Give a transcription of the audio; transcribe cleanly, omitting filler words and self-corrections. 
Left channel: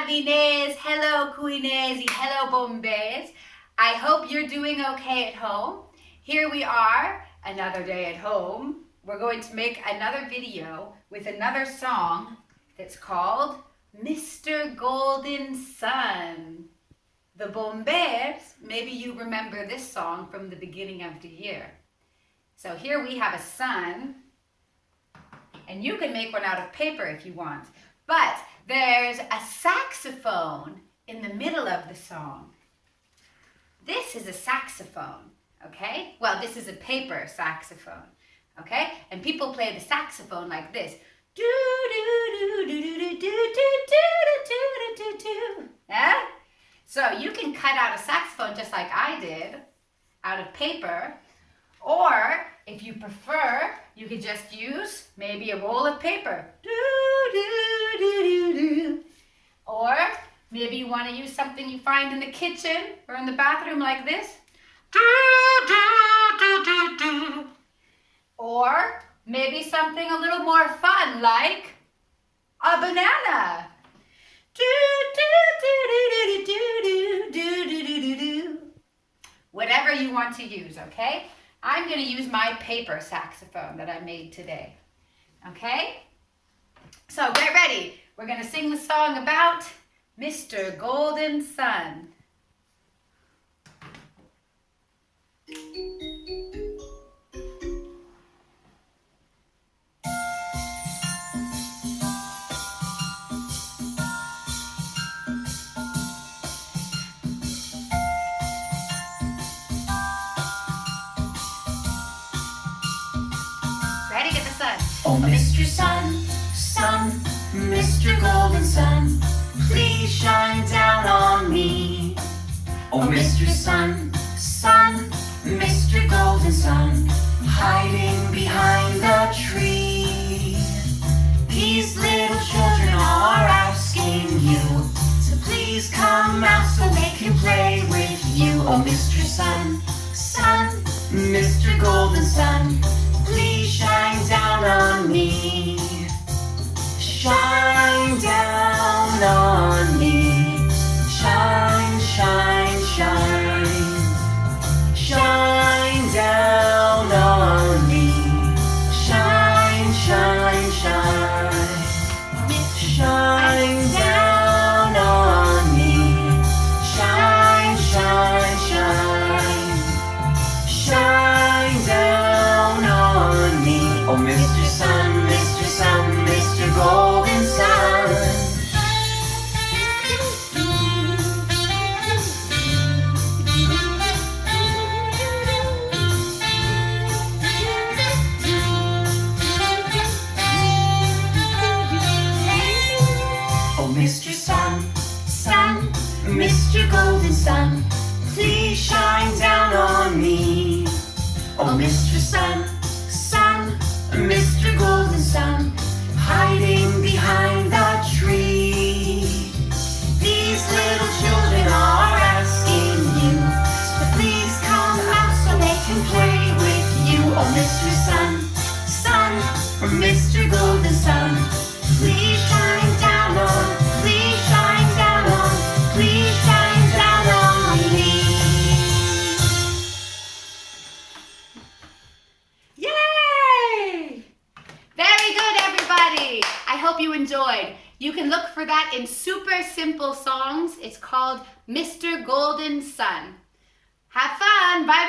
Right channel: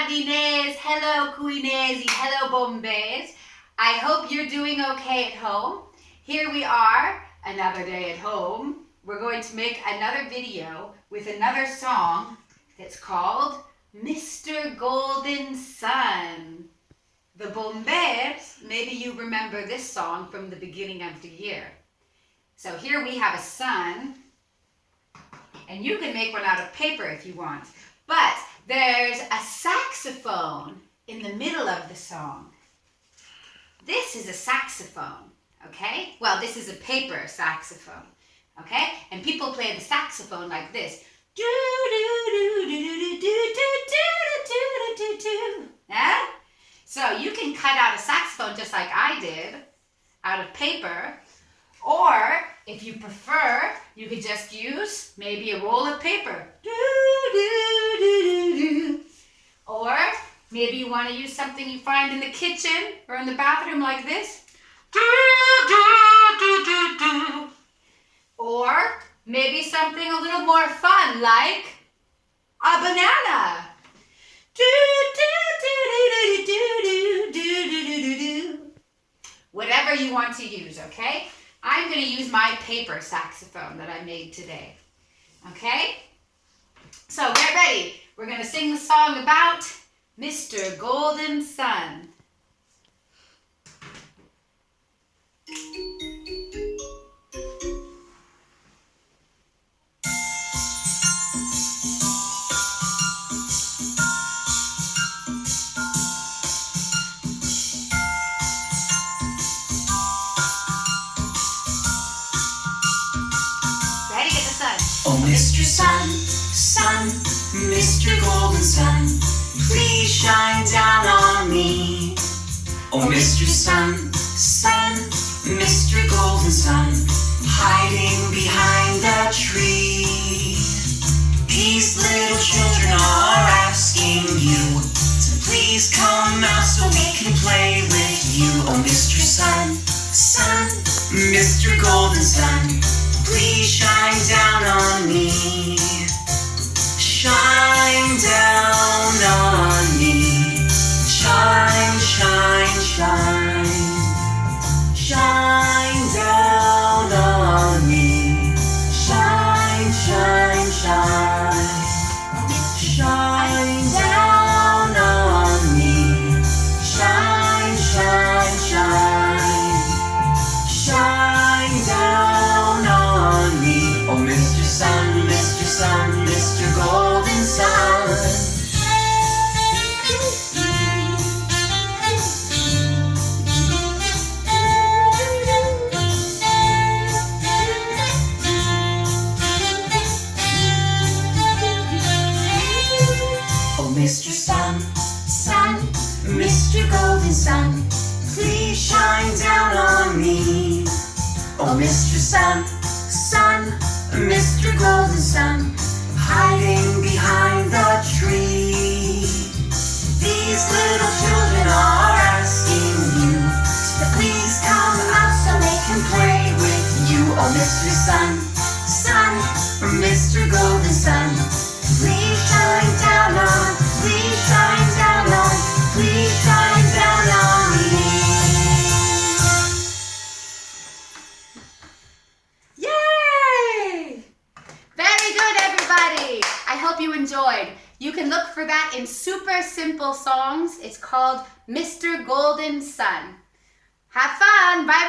Jardiners, hello Cuinesi, hello Bombers. I hope you're doing okay at home. Here we are, another day at home. We're going to make another video with another song that's called Mr. Golden Sun. The Bombers, maybe you remember this song from the beginning of the year. So here we have a sun, and you can make one out of paper if you want. But there's a saxophone in the middle of the song. This is a saxophone, okay? Well, this is a paper saxophone, okay? And people play the saxophone like this. Do do do do do do do do do do do. Yeah? So you can cut out a saxophone just like I did, out of paper. Or, if you prefer, you could just use maybe a roll of paper. Do, do, do, do, do. Or, maybe you want to use something you find in the kitchen or in the bathroom like this. Do, do, do, do, do. Or, maybe something a little more fun like a banana. Do, do, do, do, do, do, do, do, do, do. Whatever you want to use, okay? I'm going to use my paper saxophone that I made today. Okay? So get ready. We're going to sing the song about Mr. Golden Sun. Oh, Mr. Sun, Sun, Mr. Golden Sun, please shine down on me. Oh, Mr. Sun, Sun, Mr. Golden Sun, hiding behind the tree. These little children are asking you to please come out so we can play with you. Oh, Mr. Sun, Sun, Mr. Golden Sun, please shine down on me. Shine down on me. Shine, shine, shine. Shine down on me. Shine, shine, shine. Shine down on me. Shine, shine, shine. Shine down on me. Oh, Mr. Sun, Mr. Sun, Mr. Golden Sun. Oh, Mr. Sun, Sun, Mr. Golden Sun, please shine down on me. Oh, Mr. Sun, Sun, Mr. Golden Sun, hiding behind the tree. These little children are asking you to please come out so they can play with you. Oh, Mr. Sun, Sun, Mr. Golden Sun, please shine down on, please shine down on, please shine down on me. Yay! Very good, everybody. I hope you enjoyed. You can look for that in super simple songs. It's called Mr. Golden Sun. Have fun. Bye.